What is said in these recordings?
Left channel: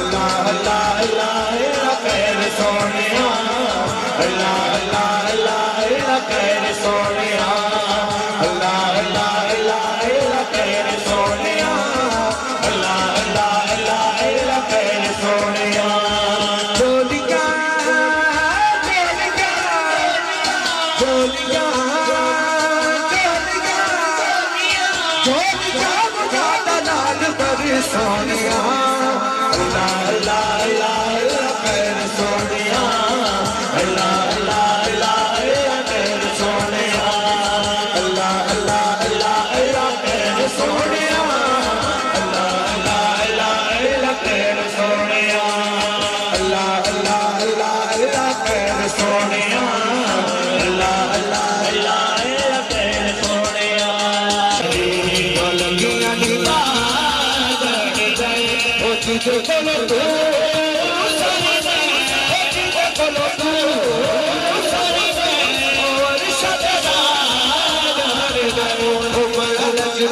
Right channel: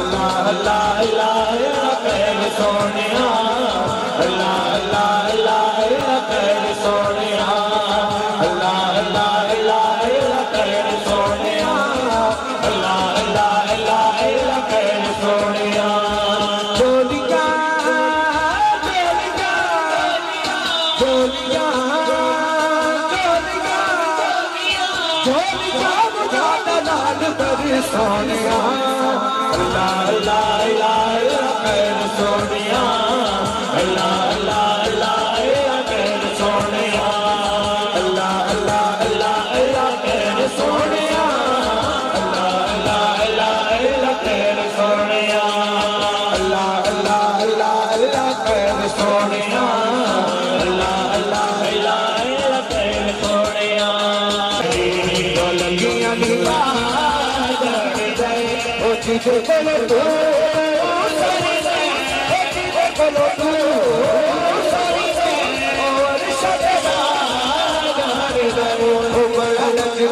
अल्लाह अल्लाह अल्लाह खैर सोनिया अल्लाह अल्लाह अल्लाह खैर सोनिया अल्लाह अल्लाह अल्लाह खैर सोनिया अल्लाह अल्लाह अल्लाह खैर सोनिया बोलिया बोलिया बोलिया बोलिया बुझाता लाल पर सोनिया अल्लाह अल्लाह अल्लाह खैर सोनिया अल्लाह अल्लाह अल्लाह खैर सोनिया अल्लाह अल्लाह अल्लाह खैर सोनिया अल्लाह अल्लाह अल्लाह खैर सोनिया अल्लाह अल्लाह अल्लाह खैर सोनिया अल्लाह अल्लाह अल्लाह खैर सोनिया बोलिया तुझे बोलो तू बोलो तू और सदादार गो बल अली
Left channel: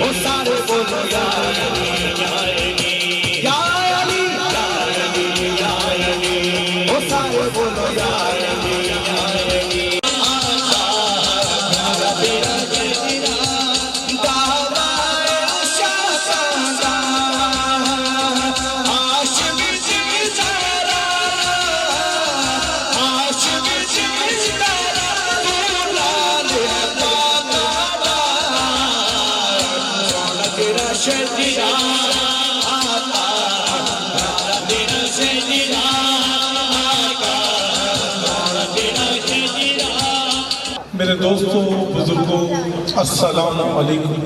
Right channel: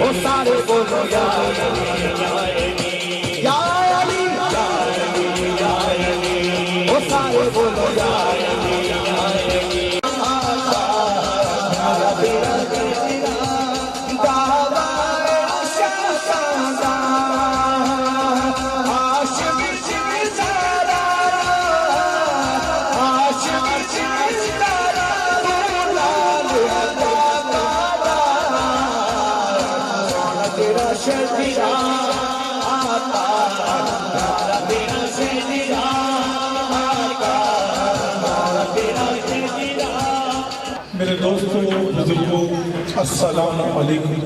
ओ सारे बोलो या अली या अली ओ सारे बोलो या मेरे दोस्तों बुजुर्गों अस्सलाम वालेकुम।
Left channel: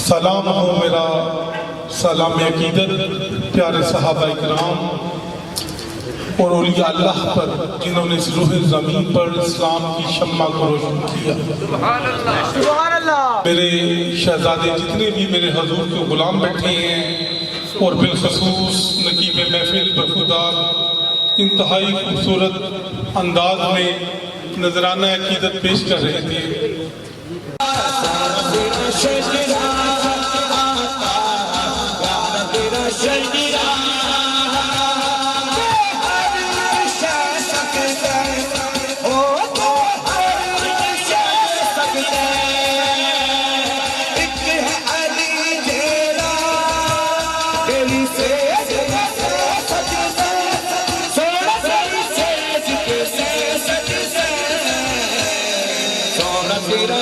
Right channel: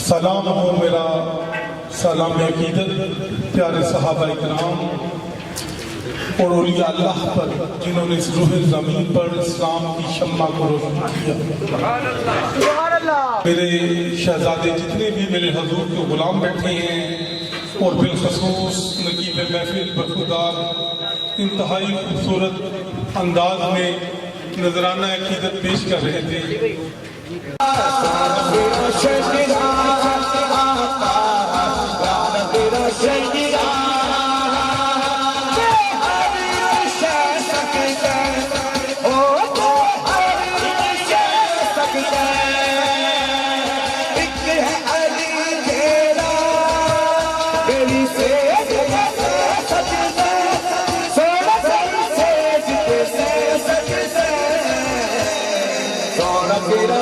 सलाम हो मेरा सलाम अकीदत प्यारे सहाबा इकराम और औलिया अल्लाह पर जिन्होंने इस रूह ज़मीन पर इस्लाम की शम्मा को रोशन किया। मेरे शहजादे जितने भी मेरे हजूर के गुलाम बैठे हैं और बिलखसूस नकीब महफिल बरखुदार इंतहाई खूबसूरत अंदाज में नजराना अकीदत पेश कर रहे थे। तेरा